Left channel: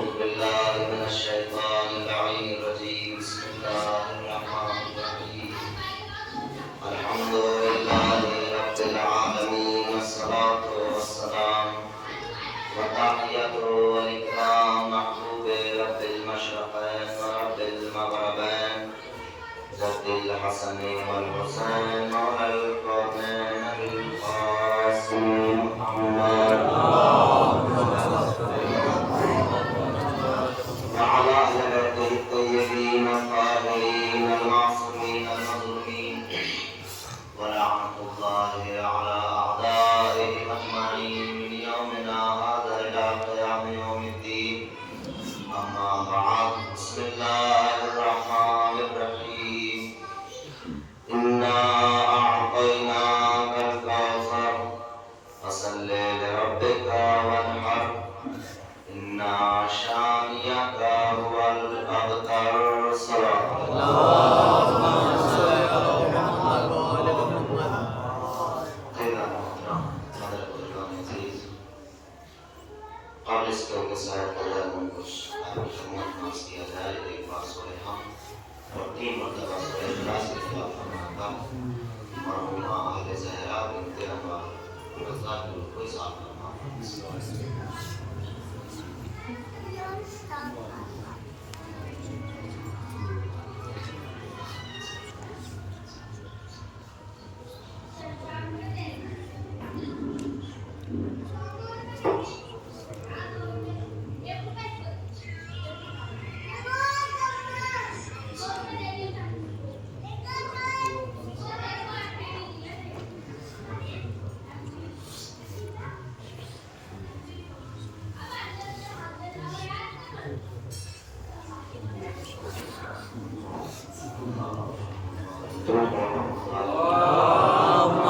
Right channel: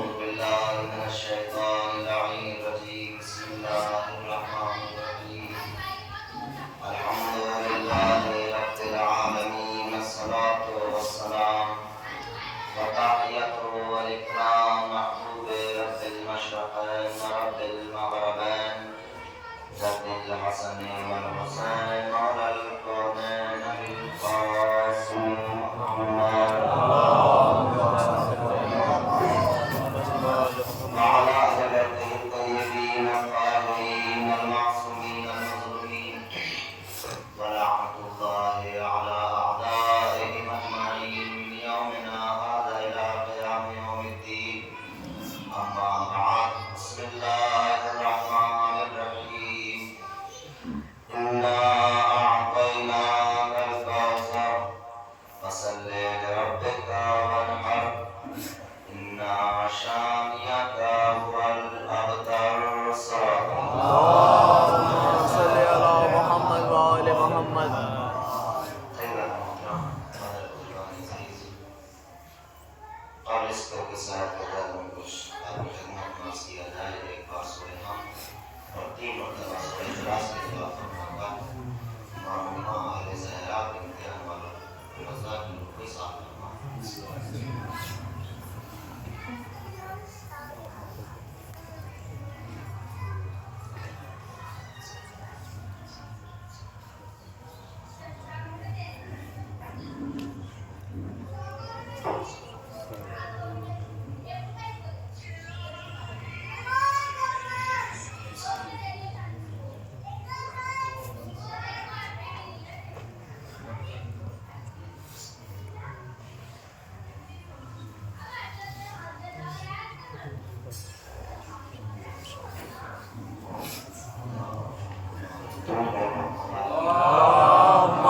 أعوذ بالله من الشيطان اللعين الرجيم بسم الله الرحمن الرحيم الحمد لله رب العالمين والصلاة والسلام وتحية والإكرام محبوب رب المشرقين ورب المغربين رب الحسن والحسين مولى الكونين بالقاسم محمد وعلى أهل الطيبين الطاهرين المعصومين المظلومين ولعنة الله على أعدائهم أجمعين من يومنا هذا إلى قيام يوم الدين أما بعد بسم الله الرحمن الرحيم إنا أعطيناك الكوثر فصل لربك وانحر إن شانئك هو الأبتر صراط اللهم صل على محمد وآل محمد. اور اس کے ساتھ کچھ آپ کی خدمت میں عرض کیا جائے ایک بار سورہ حمد اور 3 مرتبہ سورہ اخلاص کے خلاف فرمایا مرحومہ اہل زہرا بنت انور رضا کی روح کو صاف فرما. اللهم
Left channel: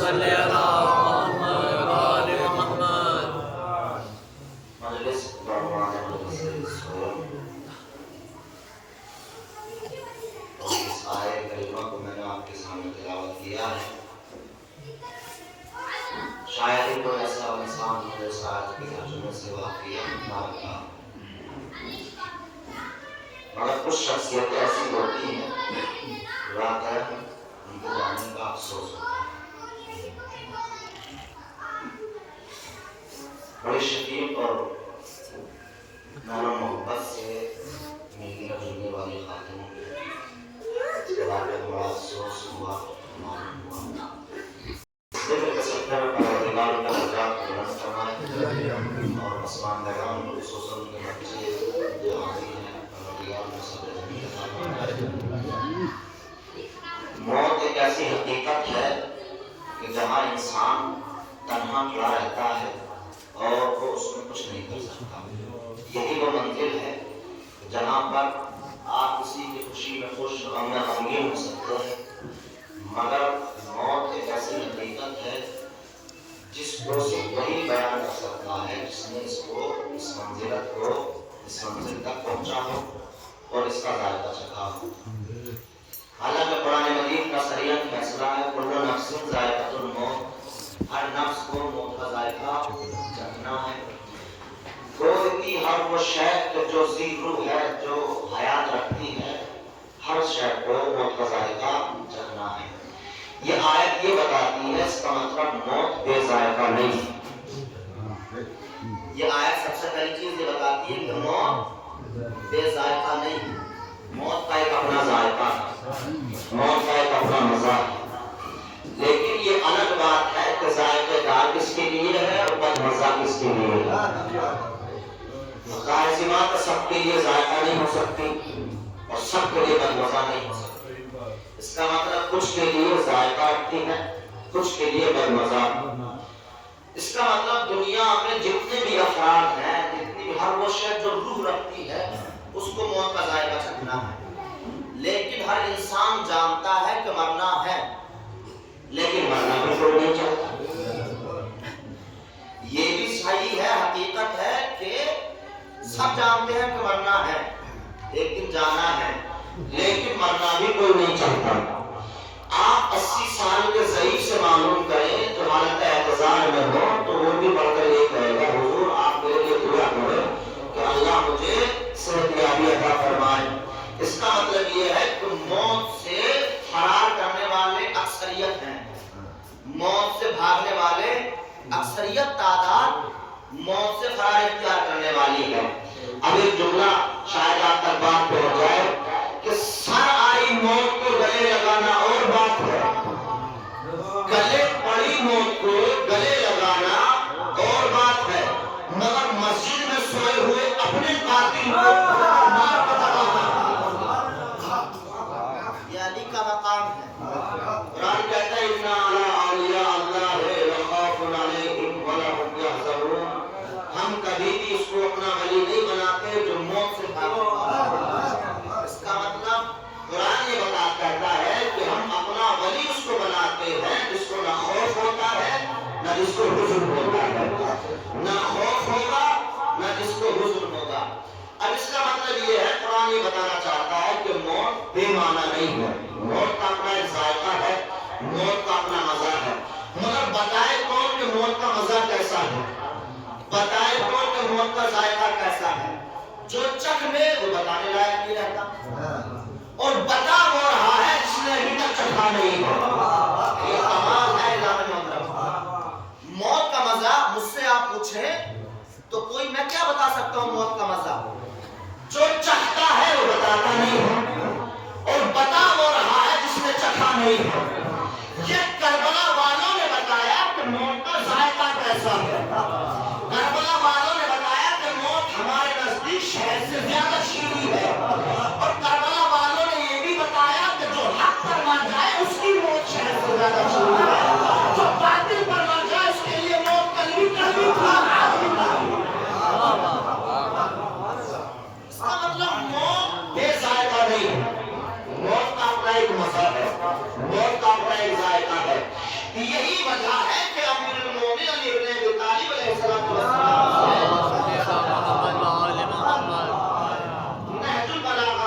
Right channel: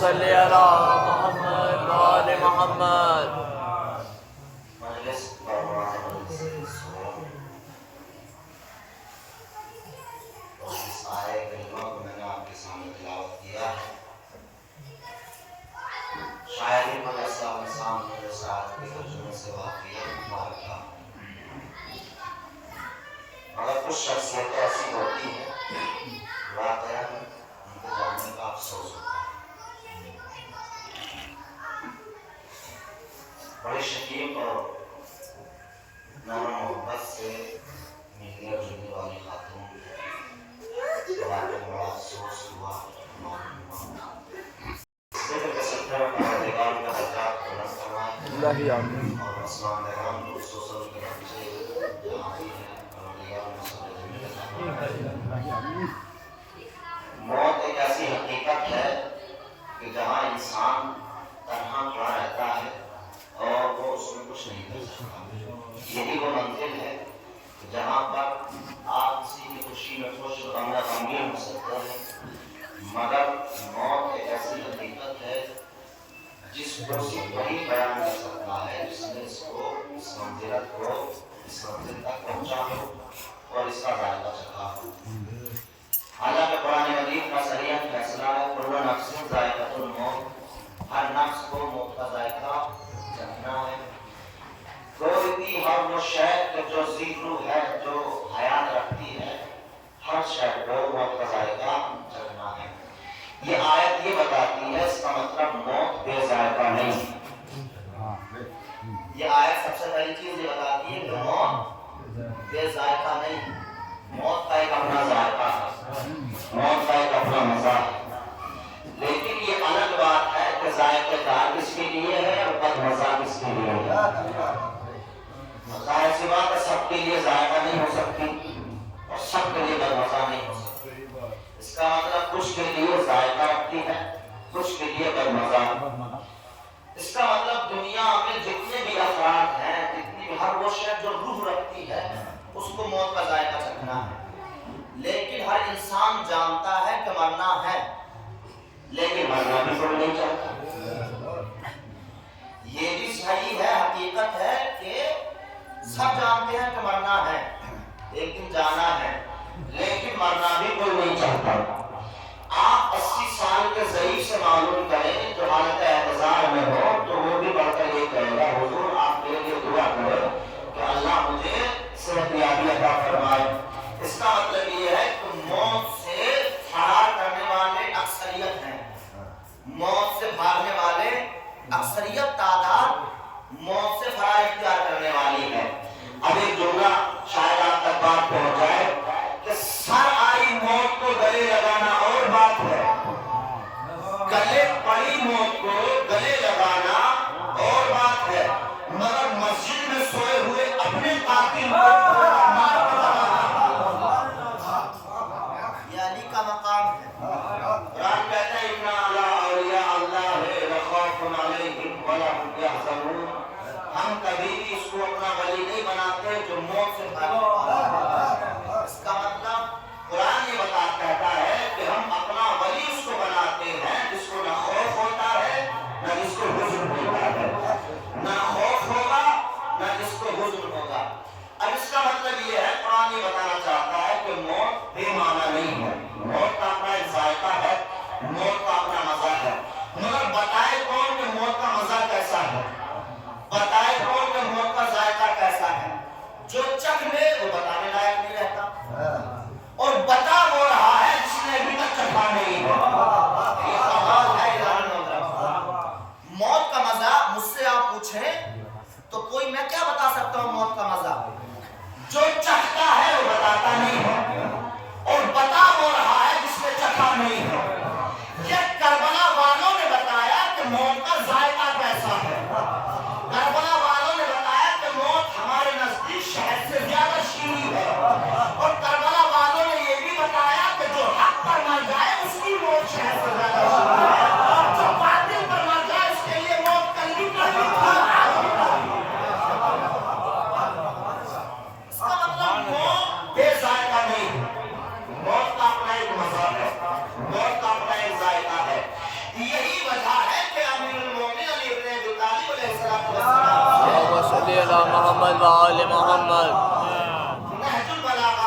صل على محمد وآل محمد. مجلس بروان مجلس سوم اور اس آیے کریمہ کو میں نے آپ کے سامنے تلاوت کیا ہے. شاعری کو ایسا انسان ہو جو شاعر کے ترجمے سے واقعہ نہ رکھا مگر کچھ شخصیتیں ایسی ہوتی ہیں واقعہ ان کو جاننے کا افسوس ہوتا ہے. بڑی شفیق اور نرم محبت سے ملنے جلنے والی خاتون کے بارے میں بڑا افسوس ہوا معلوم ہوا. ذکر کر سکتے ہیں پروردگار کا درجات کو بلند فرمائے اور آسمان نگران کو خصوصاً کے بچے جہاں بھی ہیں پروردگار میں صبر جمیل عطا فرمائے. موت ایک ایسی حقیقت ہے کہ جہاں انسان تنہا کھڑا رہتا ہے اور وہ اس میں کچھ نہیں کر سکتا. یہی وہ منزل ہے جہاں پر آپ کسی کی خوشی میں خوش غم میں غمگین ہو سکتے ہیں مگر موت ایک ایسی حقیقت ہے جس کو صرف وہی بیان کر سکتا ہے جس نے اس کو اس منزل تک پہنچا ہو اور اس کا ذائقہ چکھا ہو. حالانکہ قرآن مجید کا صریح فیصلہ ہے کل نفس ذائقۃ الموت، ہر نفس کو موت کا ذائقہ چکھنا ہے. گویتی ہر وہ شے جو ذی روح ہے جو حیات رکھتی ہے ہر شے کو موت کا ذائقہ چکھنا ہے. یہ آیت یہ بتاتی ہے اس کا مطلب موت بے ذائقہ نہیں. یہ آیت سب سے پہلی چیز یہ بتاتی ہے کہ موت بے ذائقہ نہیں. موت کا ایک اپنا ذائقہ ہے، موت کا ایک اپنا مزہ ہے. لیکن یہ الگ بات ہے کہ ذائقہ دار کس کے لیے ہے اور بد مزہ کس کے لیے ہے. ظاہر سی بات ہے سب کے لیے ذائقہ نہیں ہو سکتی اور سب کے لیے بد مزہ نہیں ہو سکتی. اس کا مطلب کچھ کے لیے ذائقہ رکھتی ہے کچھ کے لیے بد مزہ. اس کا مطلب دنیا میں جتنے بھی افراد ہیں جتنی بھی ہر وہ شے جو روح رکھتی ہے اس کو موت کا ذائقہ چکھنا ہے. لیکن ہر انسان جانتا ہے کہ مرنا ہے لیکن مرنا بھی کوئی نہیں چاہتا. یہ بھی صحیح ہے، حقیقت ہے کہ سب جانتے ہیں کہ مرنا ہے ایک دن جانا ہے لیکن مرنا بھی کوئی نہیں چاہتا. آپ 80 سال کے ضعیف سے معلوم کریں جو حالت اعتزال میں ہو تو وہ بھی پڑھ کر یہ کہے گا حضور آپ میرے لیے دعا کریں کہ اللہ موت سے فرار اختیار کرنے والی ہے. اب ایک جملہ شاید آپ تک بات پہنچ جائے کہ سر آئی موت کو گلے لگانا اور بات ہے، گلے پڑی موت کو گلے لگانا اور بات ہے، مگر مسجد میں سوئے ہوئے اپنے قاتل کو مار کے دبانا یہ علی کا مقام ہے. قرآن کہتا ہے اِنَّ عَلَىٰ أَوْلِيَاءِ اللَّهِ لَخَوْفٌ عَلَيْهِمْ وَلَا هُمْ يَحْزَنُونَ. ہم کبھی بھی اس کو اپنا ولی نہیں بناتے جو موت سے بھاگنے والا ہے. اس کا مطلب قرآن یہ کہتا ہے کہ ہم اپنا ولی اس کو بناتے ہیں جس کو نہ خوف ہوتا ہے نہ جس کو حزن ہوتا ہے، نہ خوف ہوگا نہ جس کو حزن ہوگا. اب اس کا مطلب یہ ہے، قرآن یہ بتانا چاہتا ہے کہ موت بے معنی نہیں ہے. موت کا اپنا ایک ذائقہ ہے، موت کا اپنا مزہ ہے. مگر بتائے کون کہ موت کا مزہ کیسا ہے؟ بتائے کون کہ موت کا ذائقہ کیسا ہے؟ جو چکھ لے وہ بتانے لائق نہیں رہتا، اور بتا وہ رہا ہے جس نے ابھی تک چکھا نہیں ہے. یہ کمال ہے الہی محترم. موت کا مزہ مجھ سے آپ پوچھیں تو کوئی میں کیا بتا سکتا ہوں موت کا مزہ؟ جو چکھتا ہے وہ بتاتا نہیں ہے، اور بتا وہ رہا ہے جس نے چکھا نہیں ہے. یہ کربلا والوں نے بتایا کہ موت کا ذائقہ کیسا ہے. کربلا والوں نے بتایا کہ موت ہمارے نزدیک شہد سے زیادہ شیریں ہے، اور کربلا والوں نے یہ بھی بتایا کہ جو حق پر مر جائے اس کی موت شہد سے زیادہ شیریں ہے، جو باطل پر مر جائے اس کے لیے موت کلوی تھی. اس کا مطلب موت بے ذائقہ نہیں ہے. موت کا اپنا ایک مزہ ہے، موت کا اپنا ایک ذائقہ ہے. یہی وجہ ہے کہ امیر المومنین علی بن ابی طالب علیہ السلام محمد وآل محمد نہج البلاغہ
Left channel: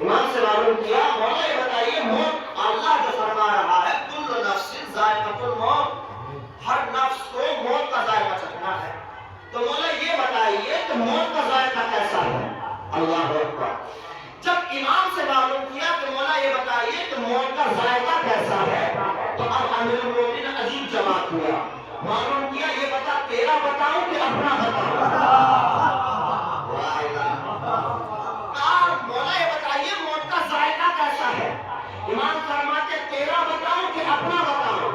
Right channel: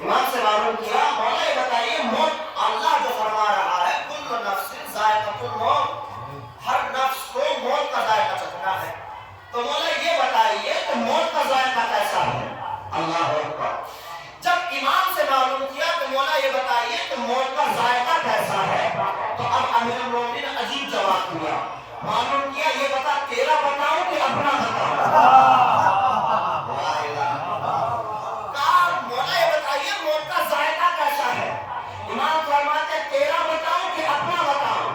امام سے معلوم کیا، مولا یہ بتائیے موت اللہ جو فرما رہا ہے کل نفس ذائقۃ الموت، ہر نفس کو موت کا ذائقہ چکھنا ہے. تو مولا یہ بتائیے کہ موت کا ذائقہ کیسا ہے؟ اللہ اکبر. جب امام سے معلوم کیا کہ مولا یہ بتائیے کہ موت کا ذائقہ کیسا ہے، تو اب امیر المومنین نے عجیب جواب دیا. معلوم کیا یہ بتا تیرا بتاؤں کہ اپنا بتاؤں؟ مولا یہ بتائیے موت کا ذائقہ کیسا ہے؟ امام فرماتے تیرا بتاؤں کہ اپنا بتاؤں؟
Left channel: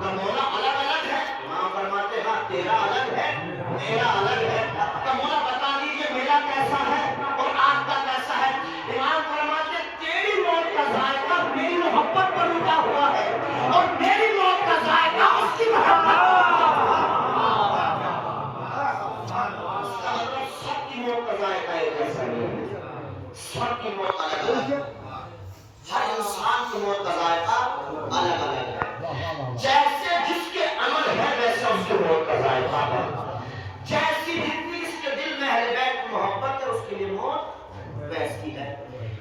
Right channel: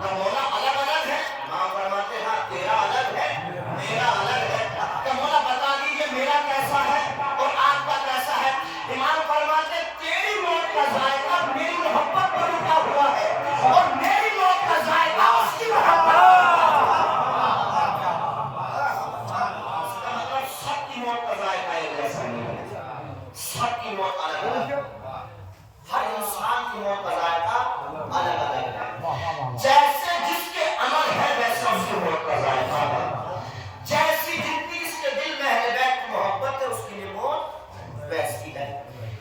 تو مولا الگ الگ ہے. امام فرماتے ہاں تیرا الگ ہے میرا الگ ہے. تو مولا بتا دیجئے میرا کیسا ہے اور آپ کا کیسا ہے؟ امام فرماتے تیری موت کا ذائقہ میری محبت پر رکا ہوا ہے، اور میری موت کا ذائقہ اس کی محبت پر. سب کی موت کا ذائقہ ایک جیسا نہیں ہے، سب کی موت الگ الگ ہے. ہر انسان کی موت کا ذائقہ الگ الگ ہے. جیسے جس کے عمل ہے ویسا اس کی موت کا ذائقہ ہے. جیسی جتنی اس کے دل میں اہل بیت کی محبت ہے اس کے لیے موت ویسی ہے.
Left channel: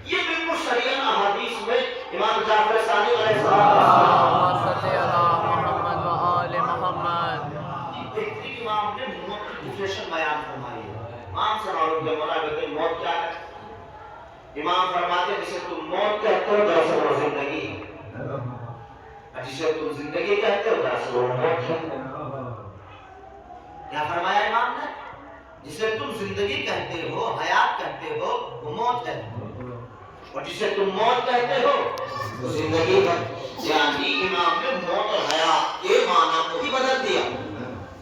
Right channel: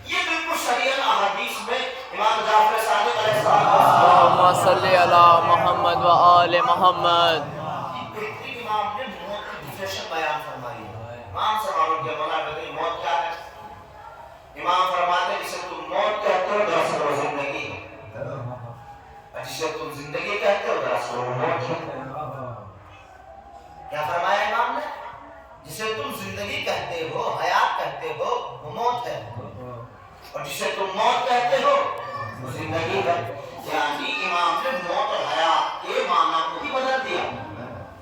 یہ بالکل شریعت احادیث میں امام جعفر صادق علیہ السلام صلی علی محمد وآل محمد بہترین امام نے موت کی ڈیفینیشن بیان فرمائی ہے. امام سے معلوم کہ مولا لیکن موت کیا ہے؟ امام فرماتے جسے تم موت کہتے ہو دراصل وہ زندگی ہے، جسے تم زندگی کہتے ہو دراصل وہ موت ہے. کیا فرمایا امام نے؟ جسے تم زندگی کہتے ہو حیات کہتے ہو وہ موت ہے، اور جسے تم موت کہتے ہو وہ زندگی ہے. یعنی امام نے موت اور حیات کے معنی کو بھی بدل دیا،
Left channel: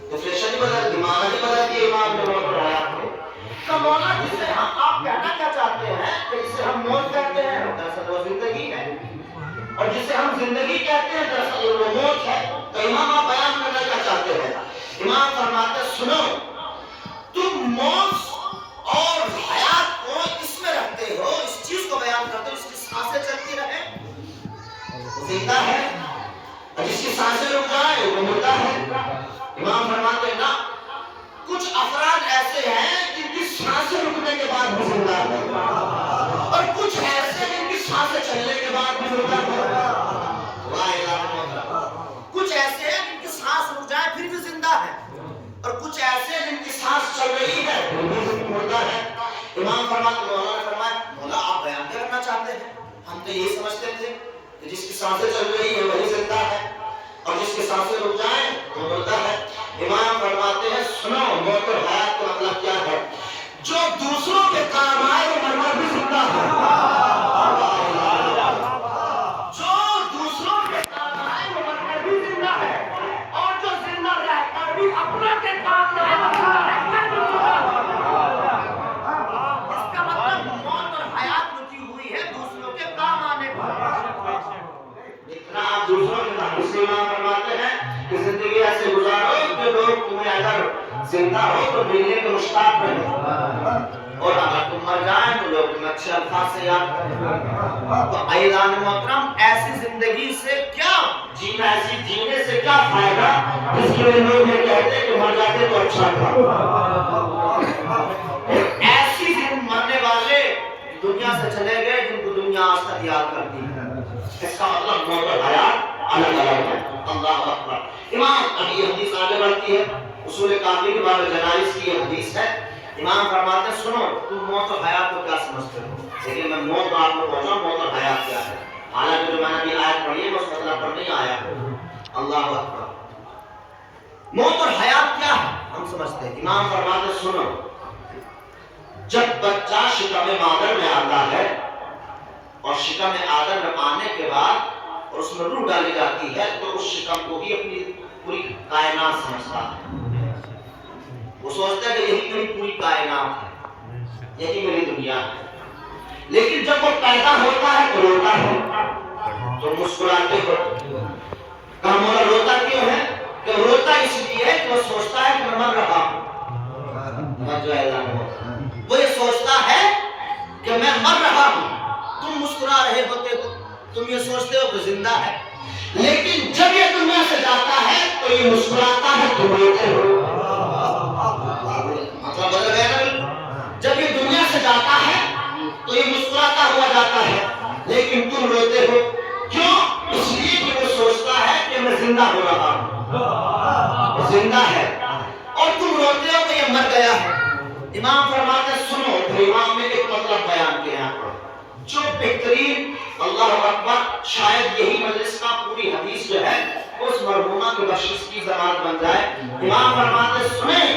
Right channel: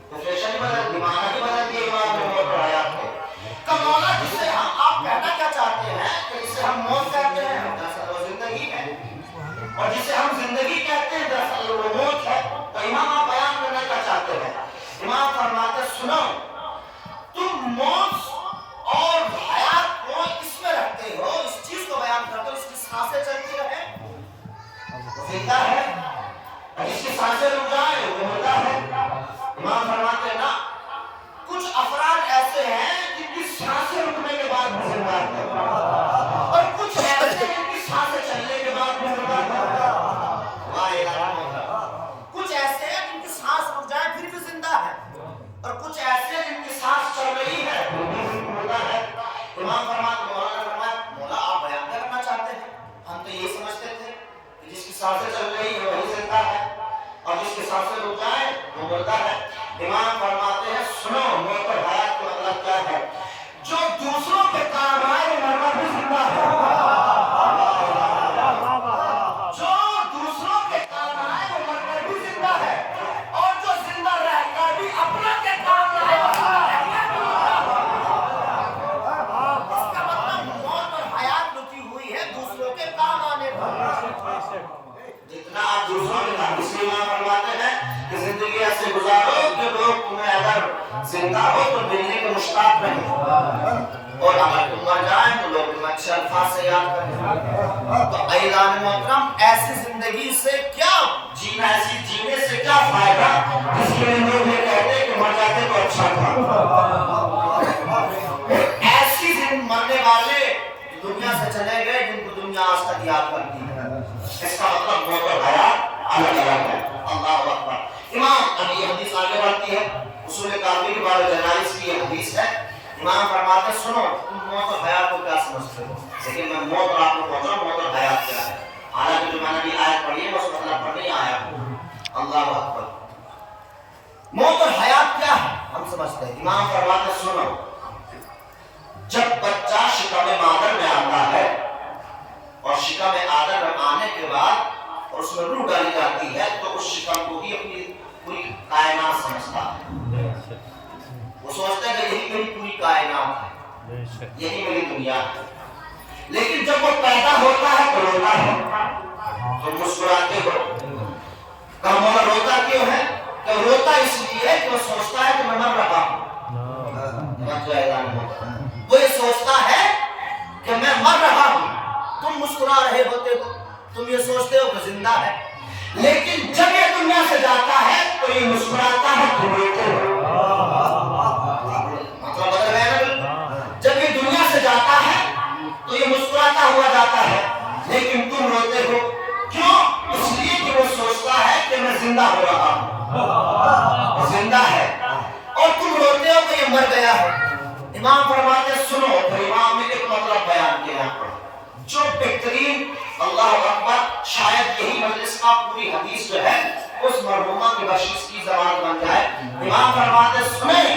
ڈیفینیشن ہی بدل دی، معنی ہی بدل دیا امام نے موت اور حیات کو. تو مولا جسے ہم آپ کہنا کیا چاہتے ہیں کہ جسے ہم موت کہتے ہیں دراصل وہ زندگی ہے، اور جسے ہم زندگی کہتے ہیں دراصل وہ موت ہے. تو امام آپ بیان کرنا کیا چاہتے ہیں؟ امام فرماتے سنو، تم موت اور حیات کو اس میں رکھتے ہو، اس چیز کو بیان کرتے ہو جس کی سانسیں چلتی رہے وہ زندہ ہے، اور جس کی سانسیں رک جائے وہ مردہ ہے. امام فرماتے ہیں نا، کچھ افراد ایسے ہیں جن کی سانسیں رکنے کے بعد بھی زندہ ہے، اور کچھ ایسے جن کی سانسیں چلنے کے بعد بھی مردہ ہے. کچھ ایسے ہیں جن کی سانس رک جائے پھر بھی زندہ ہے، اور کچھ ایسے جن کی سانس چل رہی ہے پھر بھی مردہ ہے. امام فرماتے مولا نے فرمایا مولا آپ بیان کیا کرنا چاہتے ہیں؟ ہم تو یہی سمجھتے تھے کہ جس کی سانسیں چل رہی ہیں وہی زندہ ہے اور جس کی سانسیں رک جائیں وہ مردہ ہے۔ امام فرماتے ہیں سنو موت اور حیات کا مطلب کیا ہے؟ جو دوسروں کے کام آئے وہ مرنا بھی زندہ ہے۔ جو دوسروں کے کام آئے وہ مر کر بھی زندہ ہے اور جو زندہ رہ کر بھی اپنا کے کام آئے وہ زندہ رہ کر بھی زندہ ہے۔ اس کا مطلب موت اور حیات رکی ہوئی ہے دوسروں کے کام آنے پر۔ اتنا آپ دوسروں کے کام، اس لیے امام فرماتے ہیں کہ زندگی ایسے گزارو کہ لوگ تمہیں اگر زندہ ہو تو ملنے کے مشتاق رہیں اور اگر تم مر جائیں تو لوگ تمہیں اچھے الفاظ سے یاد کریں۔ تو عزیزان محترم ایسی زندگی سے کیا جینا، ایسی جینے سے کیا فائدہ جس کے لیے لوگ یہ کہتے کہ مر جاتے تو اچھا تھا۔ ایسی مرنے والے دنیا سے چلے گئے جن کو دنیا آج تک یاد کرتی ہے۔ اس کا مطلب موت اور حیات الگ الگ ہے۔ اللہ اکبر۔ امام ابھی یہ حدیث آگے بڑھتی ہے، اصول کامل کے بارے جنائز کی یہ حدیث ہے۔ امام فرماتے ہیں سنو تم موت اور حیات کو کیا سمجھتے ہو، لیکن میں موت اور آپ کو پہنچا موت اور حیات کیا ہے۔ حالانکہ جو میں نے بھی آیت پڑھی ہے وہ اس مطلب پر نہیں آیا۔ اللہ اکبر۔ موت اور حیات کیا ہے ہم سمجھتے ہیں۔ امام فرماتے ہیں سنو جب بچہ شکم مادر میں آتا ہے اور شکم آدم میں آنے کے بعد اور اس میں روح ڈالی جاتی ہے تو اس شکم کو ہی اپنی پوری کائنات سمجھتا ہے۔ وہ سوچتا ہے کہ یہی میری پوری کائنات ہے، یہی میری دنیا ہے۔ لیکن جب وہ پیدا ہوتا ہے تو روتا ہے، تو مسکراتے ہو۔ کہا مولا روتا کیوں ہے؟ کہ روتا اس لیے ہے کہ وہ سوچتا ہے کہ میں مر رہا ہوں۔ وہ یہ سوچتا ہے کہ میں مر رہا ہوں، تم مسکرا رہے ہوتے ہو، تم یہ سوچتے ہو کہ زندہ ہے، لیکن جب یہ دنیا سے جاتا ہے تو یہ مسکراتا ہے تم روتے ہو۔ مطلب بدل گیا نا بالکل۔ جب یہ دنیا سے جاتا ہے تو یہ مسکراتا ہوا جاتا ہے لیکن تم روتے ہو، کیوں؟ اس لیے کہ وہ سوچتا ہے کہ میں زندہ ہو رہا ہوں، زندہ ہے، اور تم روتے ہو کہ یہ مر گیا ہے۔ امام فرماتے ہیں سنو، پھر امام نے ایک مطلب بیان کیا جو بہترین، اللہ اکبر، شاید یہی مجلس کا پوری حدیث جو ہے اس مرحومہ کی بخشش کی ضمانت بن جائے۔ امام فرماتے ہیں سنیں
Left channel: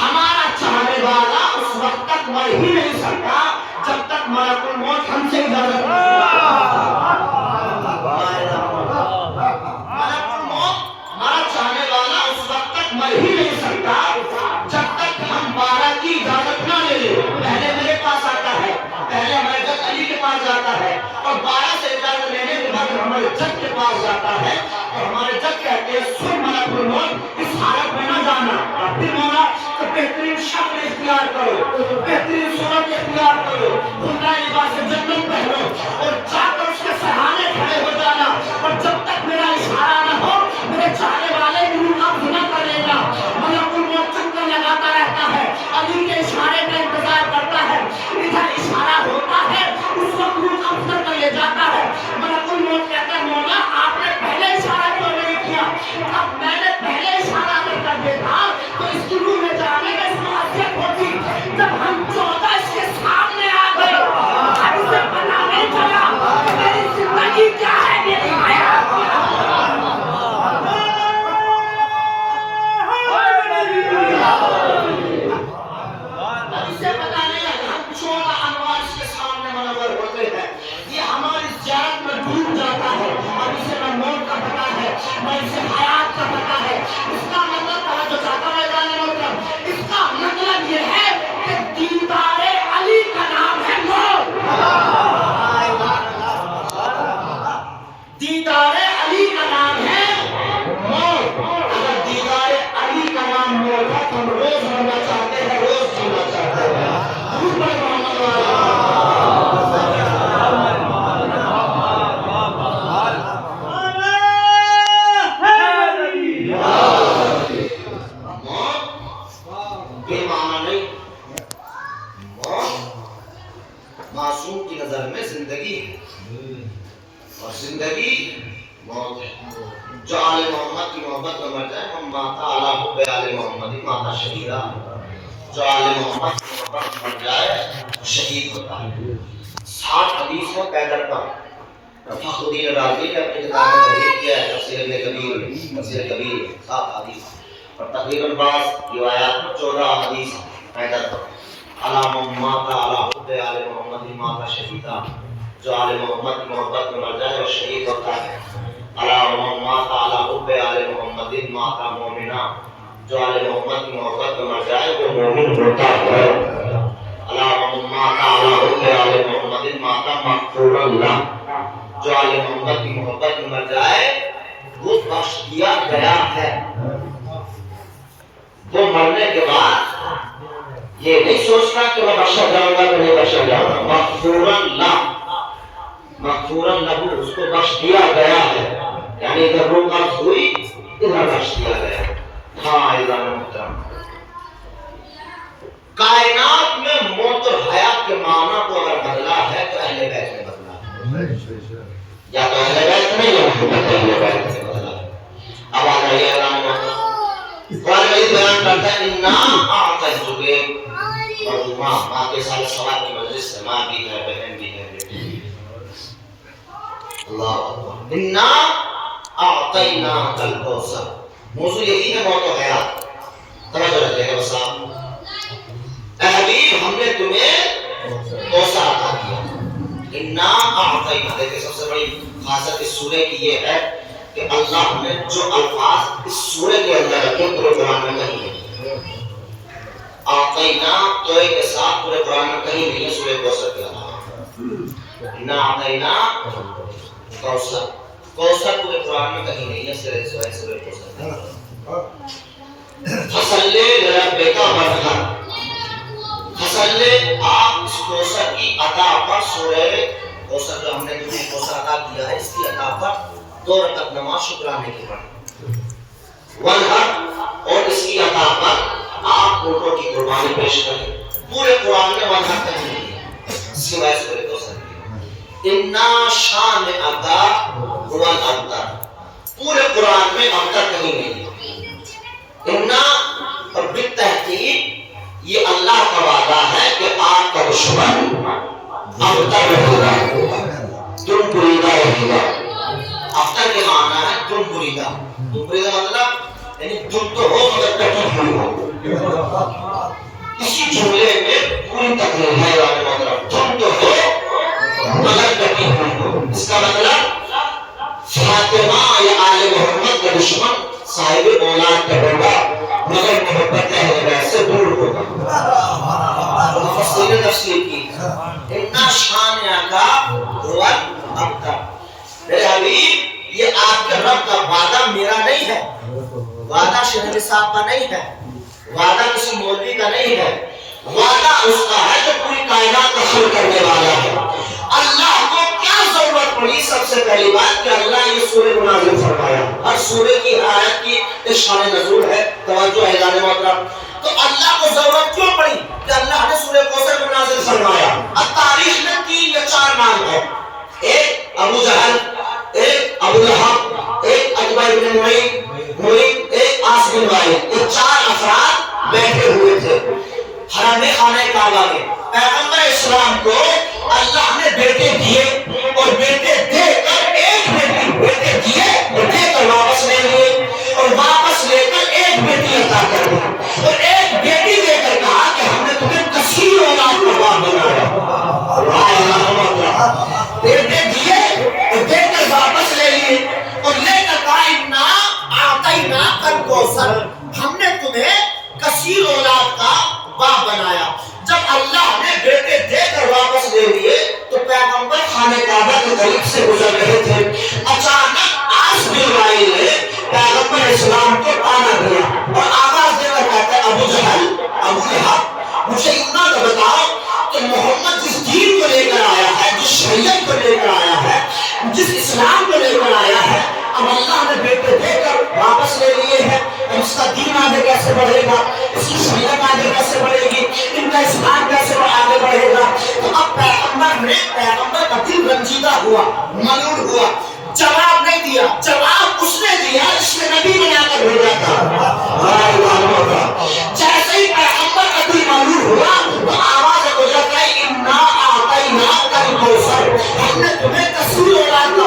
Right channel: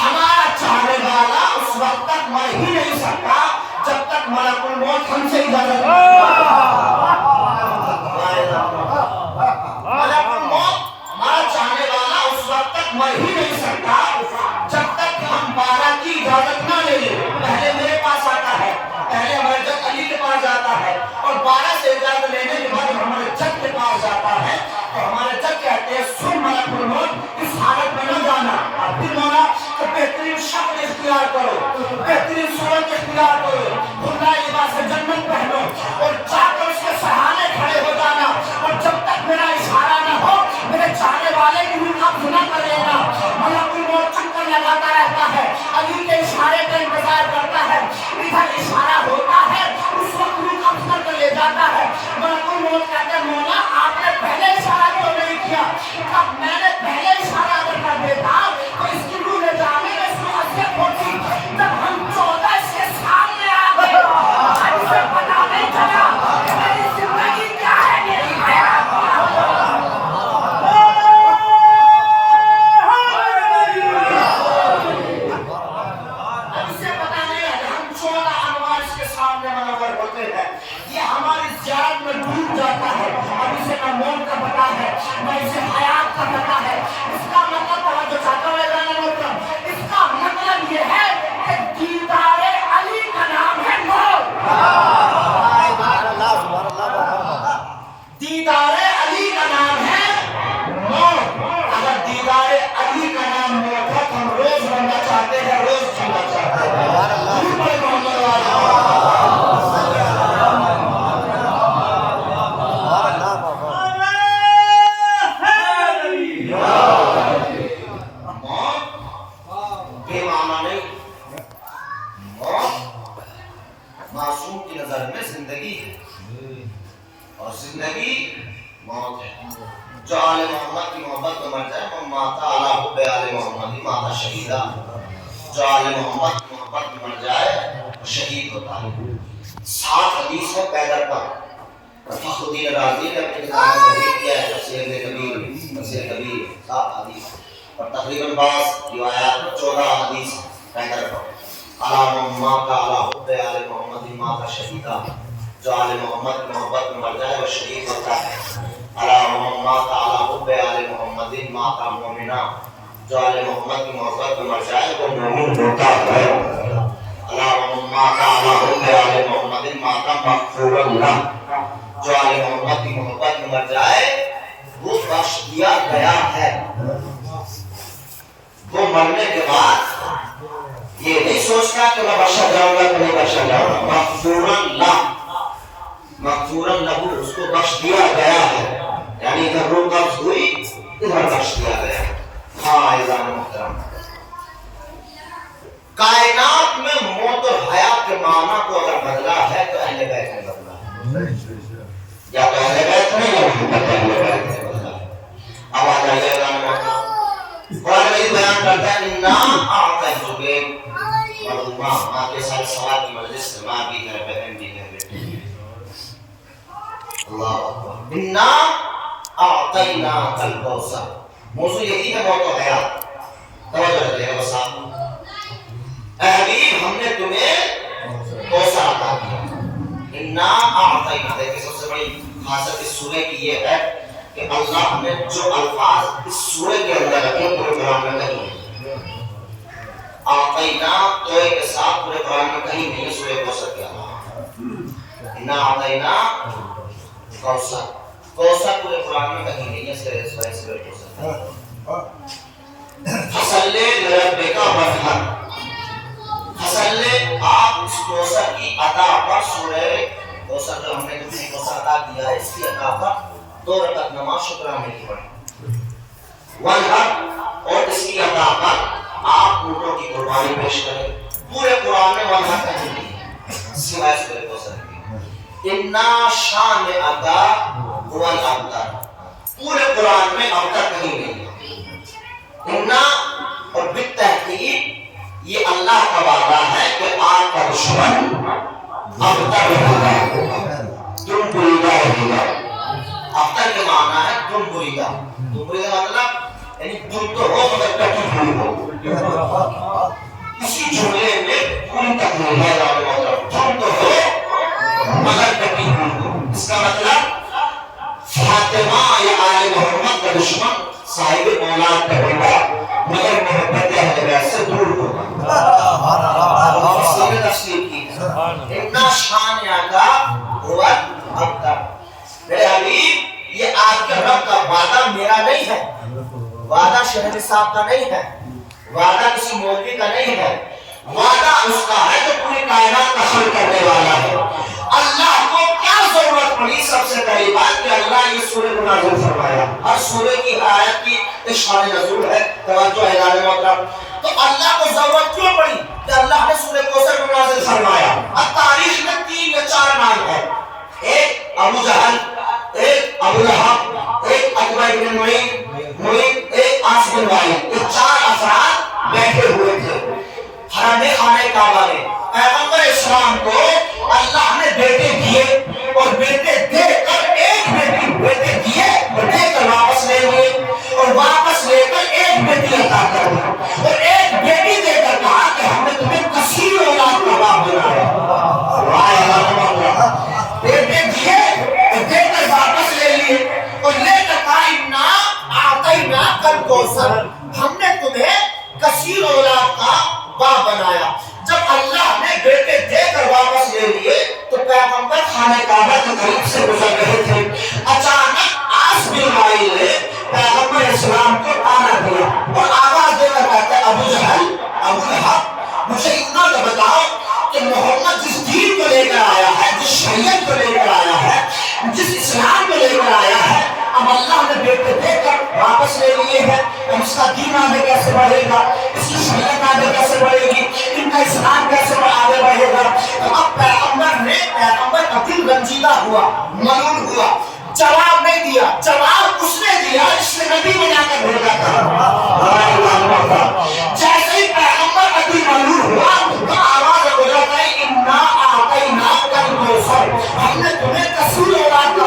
ہمارا چاہنے والا اس وقت تک مر ہی نہیں سکتا جب تک ملک الموت ہم سے اجازت نہیں لیتا۔ ملک الموت ہمارا چاہنے والا اس وقت تک مر ہی نہیں سکتا جب تک ہم 12 کی اجازت نہ لے لیں۔ پہلے میرے پاس آتا ہے، پہلے ہمارے جج علی کے پاس جاتا ہے اور 12 سے اجازت لینے کے بعد ہمارے جج کے پاس جاتا ہے اور ہمارے جج کہتے ہیں سن ملک الموت اس حالت میں نہ جانا، پھر مولا تو بہترین شکل اختیار کرو، بہترین صورت اختیار کرو، عمدہ لباس جنت پہنو اور جا کر اس کے سہانے کھڑے ہو جانا، اور جب تک میرا اشارہ نہ ہو میرے چاہنے والے کی روح قبض نہ کرے گا۔ ملک الموت چکر لگاتا رہتا ہے، علی کے اشارے کا انتظار کرتا ہے، ادھر اشارہ ہوتا ہے اس وقت روح قبض کر لے جاتا ہے۔ ملک الموت کہتے ہیں مولا آپ نے پہلے اشارہ کیوں نہیں کیا؟ اب میں نے پہلے اشارہ اگر کر دیتا تو اس کی روح لے جانے میں اس کو حسیت ہوتی۔ جب ہم 14 اس کے سامنے آ گئے اب اسے پتا نہیں چلا کہ میری زندگی کیا ہے، میری حیات کیا ہے۔ یہ ہماری زیارت میں ڈوب جاتا ہے، اب اسے نہ موت کا پتا ہے نہ اسے حیات کا پتا ہے۔ اس کا مطلب توجہ چاہتا ہوں اس کا مطلب یہ ہے کہ دیدار علی کا نام ہے موت۔ دیدار علی کا نام ہے موت۔ اگر دیدار علی کا نام موت ہے تو ہم روز مرنا چاہتے ہیں، روز جینا چاہتے ہیں۔ حضور پر محمد والا معصوم کی نظر میں زندگی ہے اور زندگی موت ہے۔ جو آل محمد کی محبت میں مر جائے وہ ماتا علیہ بآل محمد ماتا شہیدہ، جو آل محمد کی محبت میں مر جائے وہ شہید ہوتا ہے۔ 60 حدیث ہے پیدر کا، فخرالدین رازی نے اپنی کتاب میں تحریر کیا ہے تفسیر کبیر 7 حدیث اور تقریباً 22 روایات میں 14 حدیث پیدا کرتا علامہ ما کا علی حب آل محمد ما کا شہیدہ جو آل محمد کی محبت میں مر جائے وہ شہید ہوتا ہے علامہ ما کا علی حب آل محمد ما کا مومنہ جو آل محمد کی محبت میں مر جائے وہ مومن ہوتا ہے علامہ ما کا علی حب آل محمد ما کا مغفور اللہ جو آل محمد کی محبت میں مر جائے وہ بخش دیا گیا ہے وہ مرنے کے بعد یہ نہیں سوچنا کہ میں بخشا جاؤں گا تو نہیں بخشا جاؤں گا مغفورا لہو اس کو بخش دیا گیا ہے یعنی ادھر روح قبض ہوئی ادھر بخش دیا گیا ہاں اعزاز محترم کائنات میں موت اور حیات کے معنی کو اگر بدلا ہے تو اہل بیت نے بدلا ہے یا تو اہل بیت نہیں یا محمد اہل بیت نے بدلا ہے اب آ جائیے اعزاز محترم قرآن مجید بیان کرتا ہے انہا اعطیتک مرحومہ ماں کے ساتھ سوال کی مجلس سے ماں بھی ہے بہن بھی ہے اللہ اکبر انہا اعطیناک الکوثر موضوع یہی ہے موت و حیات توجہ رکھیں گے بس آپ اے حبیب ہم نے تمہیں کوثر عطا کیا انہا اعطیناک دیکھیں سب سے بڑی خاصیت اس سورہ کی یہ ہے کہ اللہ نے جو الفاظ اس سورہ کے اندر رکھے پورے قرآن میں کہیں نہیں آتینا توئے کے ساتھ پورے قرآن میں کہیں نہیں سورہ کوثر کے علاوہ انا آتینا کوثر کوثر پورے قرآن میں کہیں نہیں ہے سورہ کوثر فصلے لربک وانحر فصلے آپ اس کوثر کی عطا پر سورہ کوثر جو ہم نے تمہیں کوثر عطا کیا ہے اس کی عطا پر 2 رکعت نماز شکرانے کی پڑھی وانحر اور اس کی عطا پر آپ اونٹوں کی قربانی پیش کریں پورے قرآن میں وانحر کہیں نہیں ہے سوائے سورہ کوثر کی انا شان عطا هو الابتر پورے قرآن میں ابتر کہیں نہیں ہے انا اور بالتحقیق یہ اللہ کا وعدہ ہے کہ آپ کا دشمن ابتر رہے گا تم بریدہ رہے گا ابتر کے معنی ہے تم بریدہ مطلب یعنی تم تو ہو مگر کٹی ہوئی ہو اسی جملے میں پوری تقریر ہے تم تو ہو مگر کٹی ہوئی ہو اس کا مطلب فاطمہ یا آل محمد کا دشمن صاحب اولاد کا ہوگا مگر محبت اہل بیت سے دور ہوگا تفسیر کی اتنا شان آقا هو الابتر میرے حبیب یہ آپ کے رب کا وعدہ میرا نہیں ہے وعدہ شہر صاحب کا نہیں ہے وعدہ کسی مولوی کا نہیں ہے وعدہ اس کا ہے جو پوری کائنات کا خلق کرنے والا ہے اللہ کو کیا ضرورت پڑی سب سے پہلی بات کہ اللہ یہ سورہ کو نازل فرمایا ہر سورہ کی آیت کی شان نزول ہے توجہ ہے اعزاز محترم تو اللہ کو ضرورت کیوں پڑی کہ اللہ نے سورہ کوثر کو نازل فرمایا اب تاریخ میں 3 یا 4 نام ہے ایک ابو جہل ایک ابو لہب ایک عتبہ بن معین ایک عاص بن وائل یہ 4 افراد بیٹھے ہوئے تھے حرم خانہ کعبہ میں پیغمبر اسلام کو اللہ نے بیٹے دیے اور بیٹے دے کر ایک بیٹے دیے اور دے کر واپس لے لیے اور واپس لے کر ایک بیٹی عطا کر دی اور ایک بیٹی دے کر کہا کہ ہم نے تمہیں کثیر اولاد کا باپ بنایا بیٹے دیے اور دے کر واپس لے لیے اور لے کر کہا انا اعطیناک الکوثر ہم نے تمہیں کثیر اولاد کا باپ بنایا جب اللہ نے بیٹے دے کر واپس لے لیے تو پیغمبر خانہ کعبہ کے قریب سے گزر رہے تھے اچانک عاص بن وائل نے پیغمبر اسلام کو تانا دیا اور آواز دے کر کہتا ہے ابو جہل ابو لہب مجھے اتنا تو بتاؤ کہ محمد جس دین کو لے کر آیا ہے جس شریعت کو لے کر آیا ہے جس اسلام کو لے کر آیا ہے اب اللہ نے بیٹے دے کر واپس لے لیے ہیں اس کا دین آگے کیسے بڑھے گا اس کی شریعت آگے کیسے بڑھے گی ان کا اسلام کیسے آگے بڑھے گا تو اب پیغمبر کا دل رنجیدہ ہوا ملول ہوا جواب نہیں دیا جواب اس نے دیا جس نے نبی بنا کر بھیجا تھا جیسے ہی پیغمبر کا دل ملول ہوا تو آواز گزر گئی انا اعطیناک الکوثر ہم نے تمہیں کثیر اولاد کا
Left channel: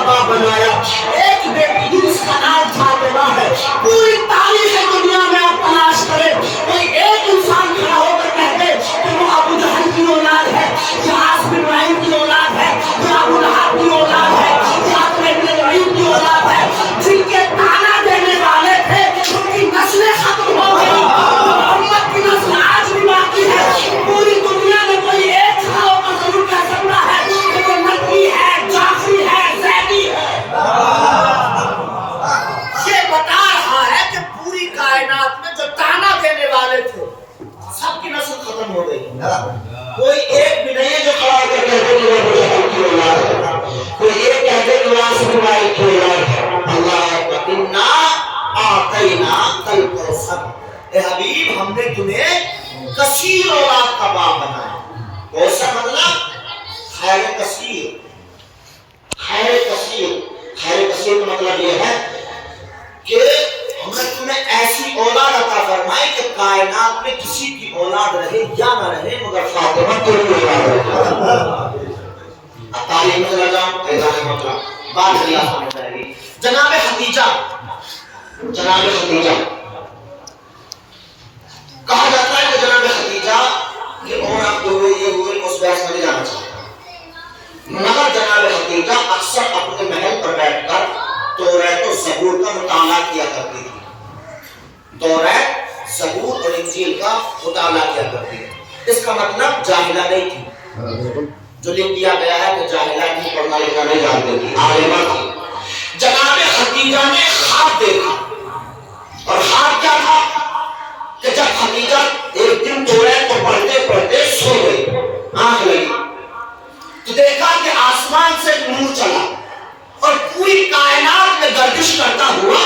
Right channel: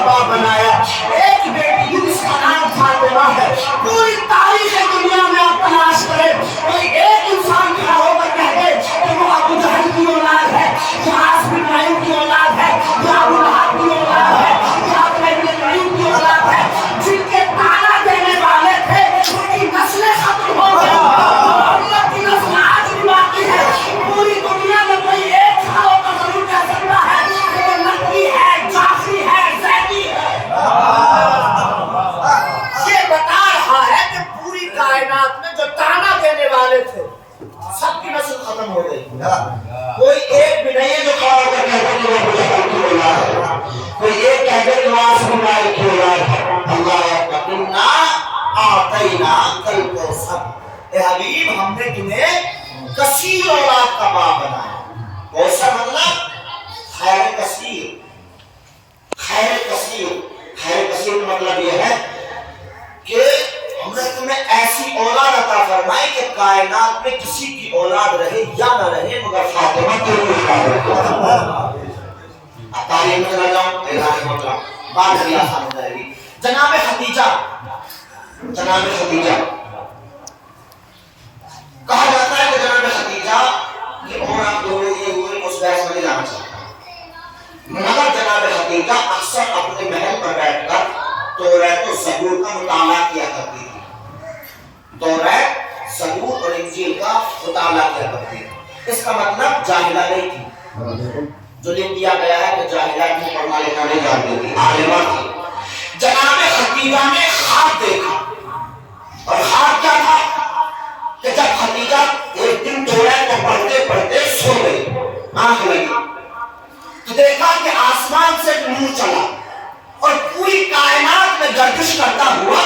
بتا رہا ہے کہ پوری کائنات میں جو تانا دینے والے تھے سب کی نسل ختم ہو گئی. کوئی ایک بھی نہیں ہے جو کھڑا کر کے کوئی ایک کہتے کہ واسم مالک کی اولاد ہے. اللہ انا اعطینا الکوثر. اے حبیب ہم نے تمہیں کثیر اولاد کا باپ بنایا. کوثر مطلب خیر کثیر. خیر کثیر. خیر کثیر کا مطلب یہ ہے کہ ہم نے تمہیں ایسی اولاد عطا فرمائی کہ کائنات میں کسی کی اولاد رہے یا نہ رہے مگر فاطمہ تیری اولاد رہے. تعلیم میں چلا جاؤں اعلان مطلب بات بڑی آسان ہو جائے گی. جناب خدیجہ کہا جاتا ہے کہ جناب خدیجہ کی عمر آپ کو یہ ہوئے اس بحث میں جانا چاہتا مگر جناب خدیجہ اکثر اپنے محل پر بیٹھ کر توریت و زبور کا مطالعہ کیا کرتی تھی. توریت زبور اور انجیل کا مطالعہ کیا کرتی تھی. اس کا مطلب جاہلہ نہیں تھی. جو لکھ دیا گیا ہے کہ جاہلہ کی پڑھنا لکھنا نہیں جانتی تھی, عالمہ تھی. جناب خدیجہ نے خواب دیکھا اور خواب کیا تھا کہ جب خدیجہ ایک دن توریت کو پڑھتے پڑھتے سو گئی, آنکھ لگی تو دیکھا کہ آسمان سے نور چلا اور پوری کائنات میں گردش کرتا ہوا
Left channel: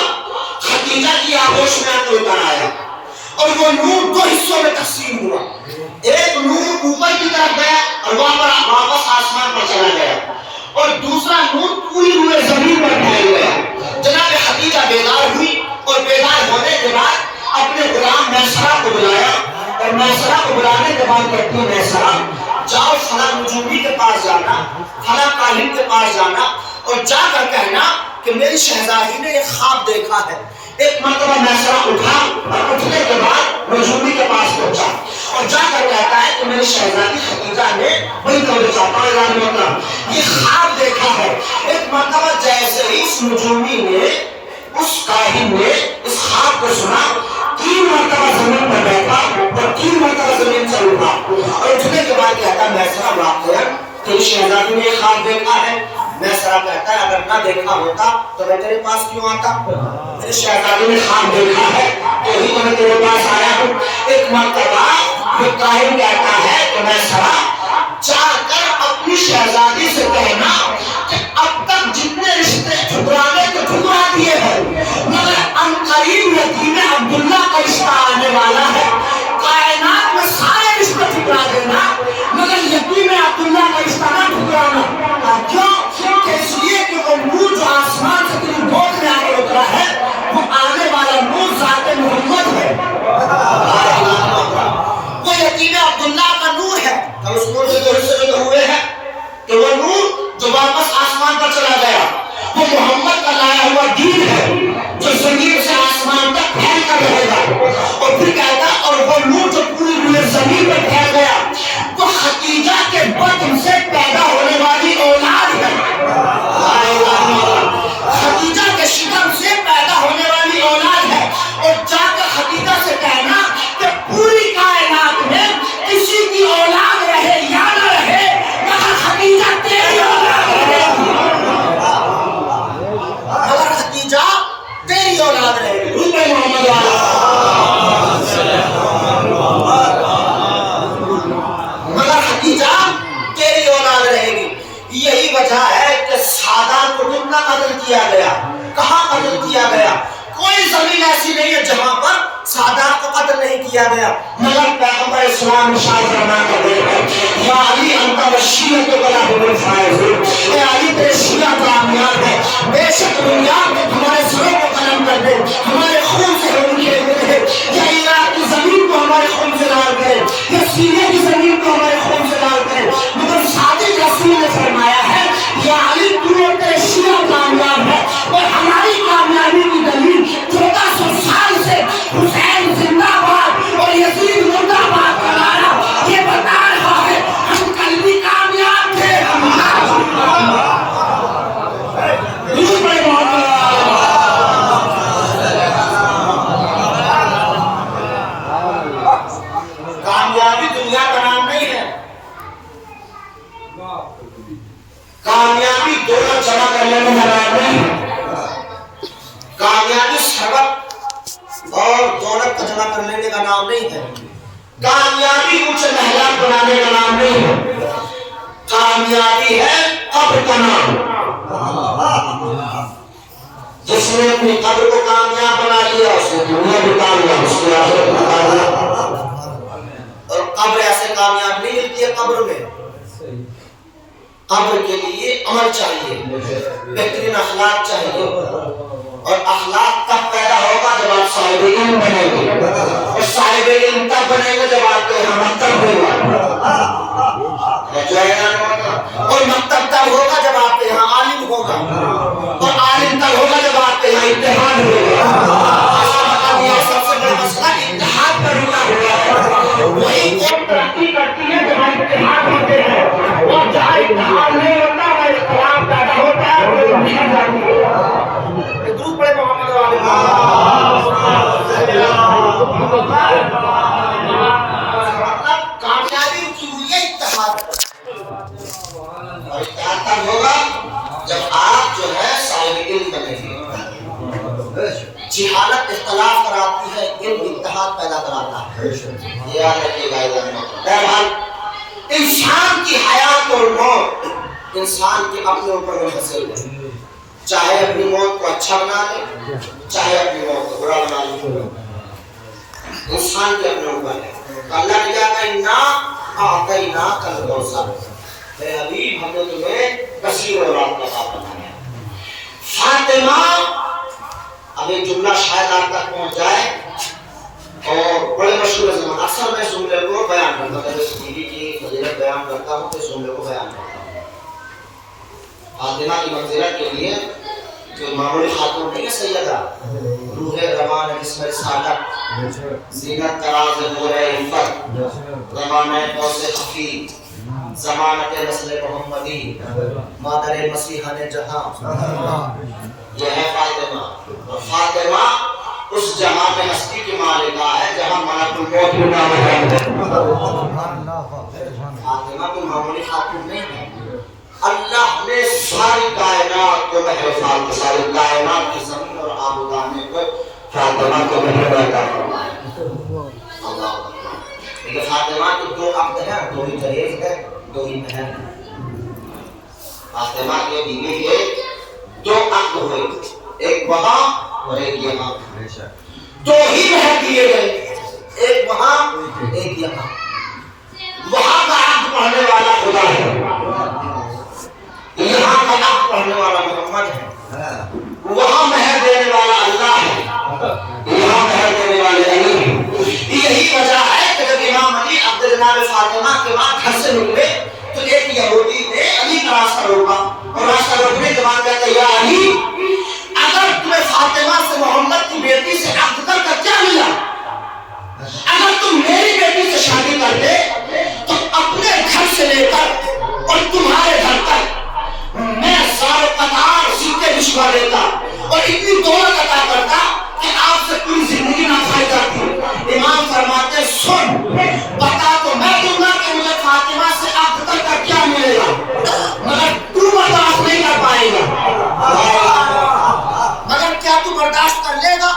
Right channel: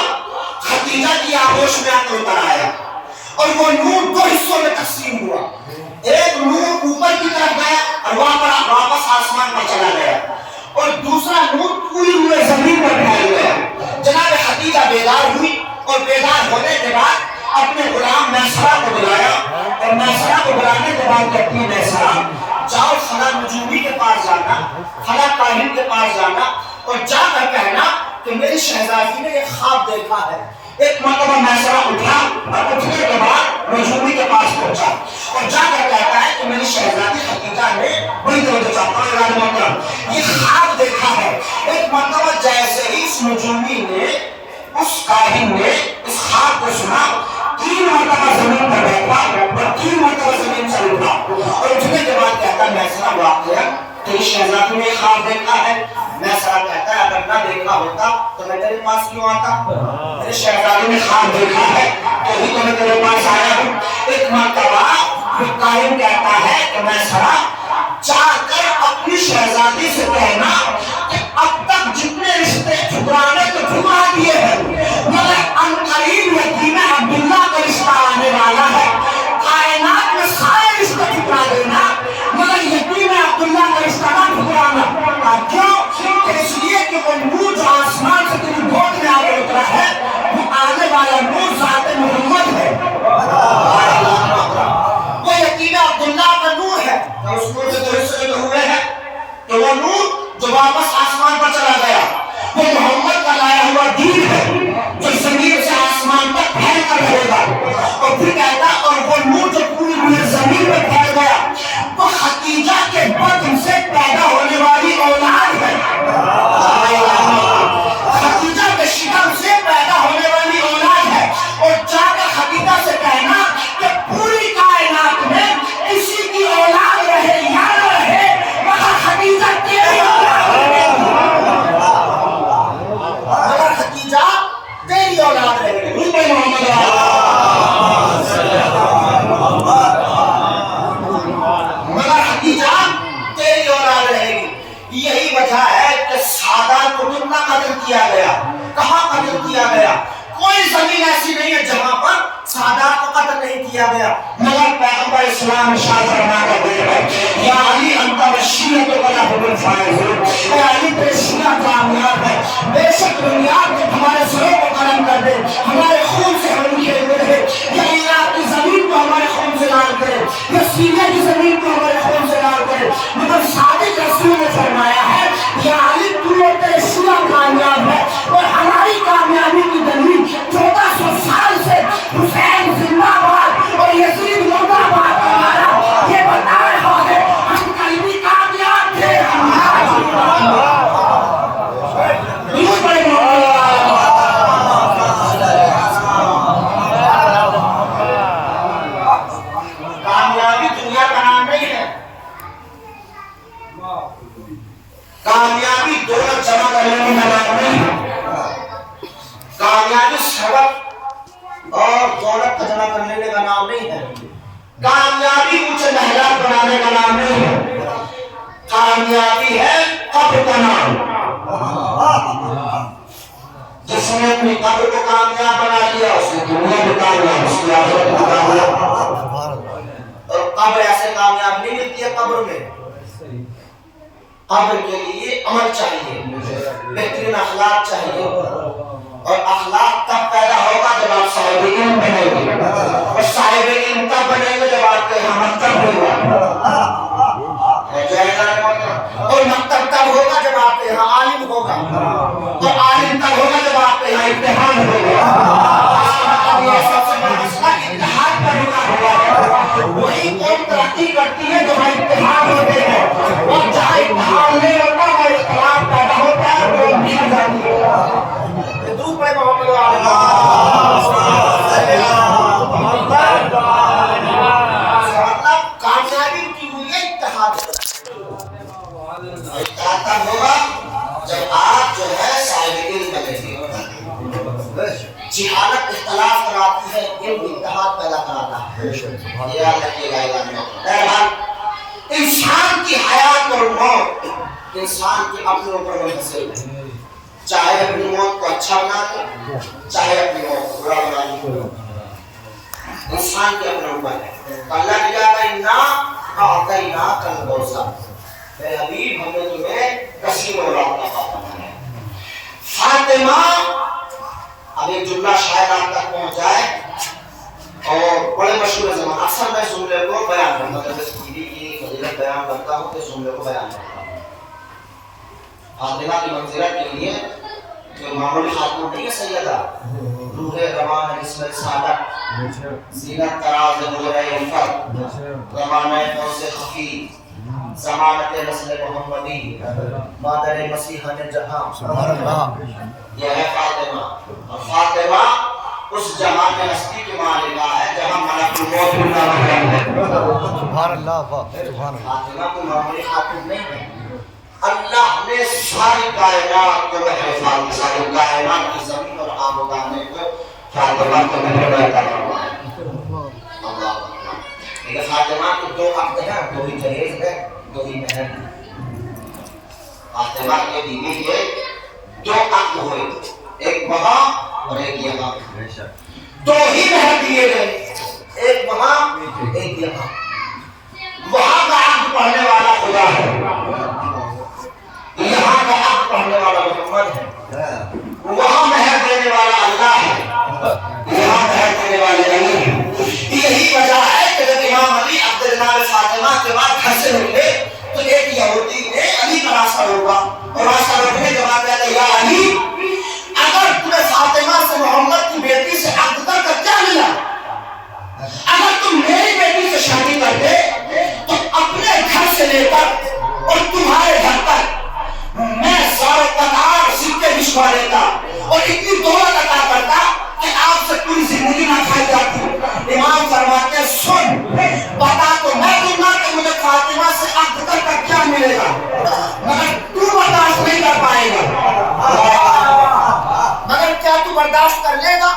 خدیجہ کی آغوش میں آتے اتر آیا. اور وہ نور دو حصوں میں تقسیم ہوا. ایک نور اوپر کی طرف گیا اور وہاں پر واپس آسمان پر چلا گیا اور دوسرا نور پوری ہوئے زمین پر پھیل گیا. جناب خدیجہ بیدار ہوئی اور بیدار ہونے کے بعد اپنے غلام میسرہ کو بلایا اور میسرہ کو بلانے کے بعد کہتی ہے میسرہ جاؤ فلاں نجومی کے پاس جانا, فلاں کاہن کے پاس جانا اور جا کر کہنا کہ میری شہزادی نے یہ خواب دیکھا ہے. ایک مرتبہ میسرہ اٹھا اور اٹھنے کے بعد نجومی کے پاس پہنچا اور جا کر کہتا ہے کہ میری شہزادی خدیجہ نے بڑی توجہ چاہتا ہے یہ خواب دیکھا ہے. ایک مرتبہ جیسے ہی اس نجومی نے اس کاہن نے اس خواب کو سنا 3 مرتبہ زمین پر بیٹھا اور 3 مرتبہ زمین سے اٹھا اور اٹھنے کے بعد کہتا ہے میسرہ واقعا تیری شہزادی نے یہ خواب دیکھا ہے. میسرہ کہتا ہے اگر نہ دیکھا ہوتا تو میں تیرے پاس کیوں آتا. میری شہزادی نے خواب دیکھا ہے تو ہی میں تیرے پاس آیا ہوں. ایک مرتبہ وہ کاہن کہتا ہے کہ میسرہ جا کر اپنی شہزادی سے کہنا کہ اب تک جتنے رشتے ٹھکرانے تو ٹھکرا دیے ہیں مگر عنقریب یتیم عبداللہ کا رشتہ آنے والا ہے. کائنات میں سارے رشتے ٹھکرا دینا مگر یتیم عبداللہ کا رشتہ نہ ٹھکرانا. کیوں؟ کہ اس لیے کہ وہ نور جو آسمان سے تیری گود میں آ کے اترا ہے وہ آنے والا نور ذات محمد ہے. وہ یتیم عبداللہ کا نور ہے. اس نور سے جو حصے جو ہوئے ہیں تو وہ نور جو واپس آسمان پر چلا گیا وہ محمد کا لایا ہوا دین ہے جو زمین سے آسمان تک پھیل کر رہے گا. اور پھر کہتا اور وہ نور جو پوری ہوئی زمین میں پھیل گیا وہ خدیجہ کے بطن سے پیدا ہونے والی اولاد ہے. خدیجہ کے شکم سے پیدا ہونے والی اولاد ہے. اور جا کر خدیجہ سے کہنا کہ پوری کائنات میں کسی کی اولاد رہے یا نہ رہے مگر خدیجہ تیری اولاد رہے گی. مگر خدیجہ تیری اولاد رہے گی. مگر خدیجہ تیری اولاد رہے گی. یہی وجہ ہے کہ سادات کو نہ قتل کیا گیا. کہاں قتل کیا گیا؟ کوئی زمین ایسی نہیں ہے جہاں پر سادات کو قتل نہیں کیا گیا. مگر پیغمبر اسلام ارشاد فرما کرتے ہیں یا علی انت والشیعۃ ولا هم الفائزون. اے علی تیرے شیعہ کامیاب ہے. بے شک دنیا ہمارے سروں کو قلم کر دے, ہمارے خون سے ہم کھیل دے, یا عراق کی زمین کو ہمارے خون سے لال کرے, یا سیریا کی زمین کو ہمارے خون سے لال کرے. مگر صادق رسول نے فرمایا ہے یا علی تو تیرے شیعہ کامیاب ہے. اور ہماری کامیابی کی دلیل 1400 سال سے حسین زندہ باد اور یزید مردہ باد کا نعرہ یہ بتا رہا ہے ہم کل بھی کامیاب تھے. کامیابی شربت اور دولت کا جمع کر لینے کا نام نہیں ہے. کامیابی اونچے محلات بنانے کا نام نہیں ہے. کامیابی ہے قبر کا نام. جس نے اپنی قبر کو کامیاب بنا لیا اس نے دنیا بھی کامیاب, اس نے آخرت بھی کامیاب. اور قبر ایسے کامیاب نہیں ملتی ہے. قبر میں قبر کے لیے عمل چاہیے, بہترین اخلاق چاہیے. اور اخلاق تب پیدا ہوگا جب آپ صاحب علم بنیں گے, اور صاحب علم تب بنیں گے جب آپ کے یہاں مکتب ہوگا. اور مکتب تب ہوگا جب آپ کے یہاں عالم ہوگا, اور عالم تب ہوگا جب آپ کے یہاں امتحان ہوگا. سب سے بڑا مسئلہ امتحان کا رکا ہوا ہے. وہی قوم ترقی کرتی ہے جہاں امتحان ہوتے ہیں, اور جہاں امتحان نہیں ہوتا ہے اختلاف پیدا ہوتا ہے وہ نہیں جاتی ہے. دودھ پڑے محمد کامیابی کی ہوئی ہے اتحاد. اور اتحاد تب ہوگا جب آپ جو ہے صاحب علم بنیں گے. جہالت اختلاف کراتی ہے, علم اتحاد پیدا کراتا ہے. یہ یاد رکھیے گا. بہرحال انسان کی حیات اور موت انسان کے اپنے اوپر منحصر ہے. چاہے اپنی موت کو اچھا بنا لے, چاہے اپنی موت کو برا بنا لے, انسان کے اپنے اوپر ہے. اللہ نے کہا انا اعطیناک الکوثر, اے حبیب ہم نے تمہیں کثیر اولاد کا عطا فرمایا. فاطمہ, اب ایک جملہ شاید آپ تک پہنچ جائے اور بڑے مشہور زمان, اکثر میں اس جملے کو بیان کرتا ہوں, جیسے ٹی وی کی فضیلت بیان کرتا ہوں تو اس جملے کو بیان کرتا ہوں. فاطمہ کی منزلت کے لیے جو معمولی خاتون نہیں ہے, سیدہ روح روان جسم رسالت, زینت تراز نور عفت, زمانہ قوس خفی, ضمانت نسل محمدی, مادر مسیحان جہاں, یہ ہے فاطمہ. اور فاطمہ اس جہاں میں ہستی کی مالکہ ہے جہاں ملک الموت بھی نہ ہے. فاطمہ کوئی معمولی خاتون نہیں ہے. اللہ نے ساری کائنات کو محفوظ کی, ساری کائنات کی زمین اور آبادانے کو فاطمہ کو محفوظ فرمایا. اللہ اکبر. لیکن فاطمہ کے دو عقد ہیں, دو ہی جہیز ہے, دو ہی مہر ہے. فاطمہ کے بیوی کے دو عقد ہوئے, ایک وہاں اور ایک یہاں. دو ہی مہر دیے گئے, ایک وہاں ایک یہاں. وہاں کا عقد پڑھنے والا خدا ہے, یہاں کا عقد پڑھنے والا محمد ہے. وہاں مہر دینے والا اللہ ہے, یہاں مہر دینے والے علی ہے. یہی وجہ ہے کہ جب امام علی عبد جناب فاطمہ کے بعد گھر سے نکلے تو ایک یہودی نے علی کا راستہ روکا, اور راستہ روکنے کے بعد کہتا یا علی, اگر تمہیں فاطمہ سے محمد کی بیٹی سے عقد کر کر کیا ملا؟ اگر تم میری بیٹی سے شادی کرتے تو اپنے گھر سے لے کر اور تمہارے گھر تک میں سارے قطار سیٹیں بچھوا دیتا اور اتنی دولت عطا کرتا کہ آپ سے پوری زندگی نہ کھائی جاتی. امام فرماتے ہیں سن, بتا تو میں دوں گا کہ مجھے فاطمہ سے عقد کر کر کیا ملے گا, مگر تو برداشت نہیں کر پائے گا. مگر کیا تو برداشت کر لے گا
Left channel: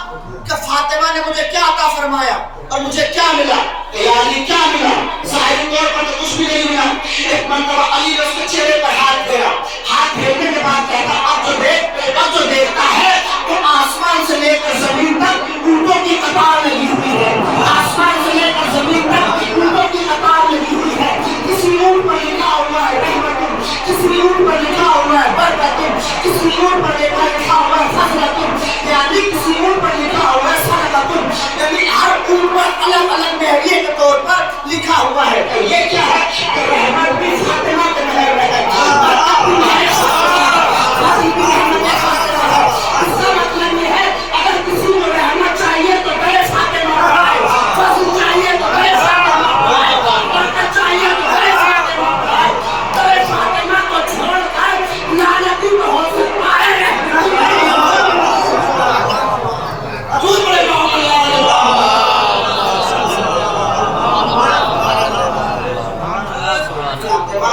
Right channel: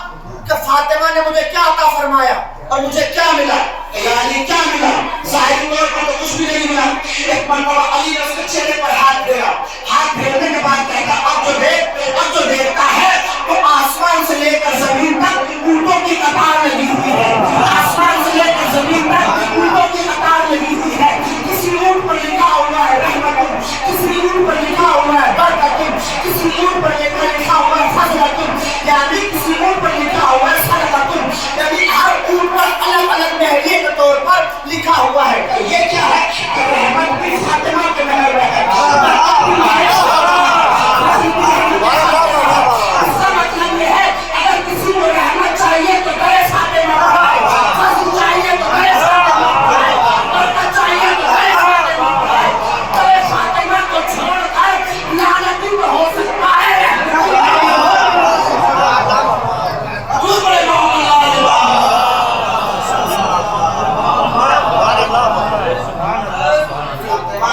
کہ فاطمہ نے مجھے کیا عطا فرمایا اور مجھے کیا ملا؟ یعنی کیا ملا؟ ظاہری طور پر تو کچھ بھی نہیں ملا. ایک مرتبہ علی نے اس کے چہرے پر ہاتھ پھیرا, ہاتھ پھیرنے کے بعد کہا اب جو دیکھتا ہے تو آسمان سے لے کر زمین تک اونٹوں کی قطار لگی ہوئی ہے. آسمان سے لے کر زمین تک اونٹوں کی قطار لگی ہوئی ہے. کسی اونٹ پر لکھا ہوا ہے رحمتن, کسی اونٹ پر لکھا ہوا ہے برکتن, کسی اونٹ پر لکھا ہوا ہے فضلتن, یعنی کسی اونٹ پر لکھا ہوا ہے صدقتن. یعنی ہر اونٹ پر الگ الگ مہریے کے طور پر لکھا ہوا ہے. یہ کیا ہے کہ رحمت بھی فاطمہ کے مہر میں ہے, برکت بھی ہے, اس کا مطلب یہ ہے اگر کسی کو رحمت چاہیے تو کرے فاطمہ پڑھائے, فضل چاہیے تو کرے فاطمہ پڑھائے, برکت چاہیے تو کرے فاطمہ پڑھائے. کرے فاطمہ کو چھوڑ کر لعنتی میں ہو سکتا ہے. دوسرے فاطمہ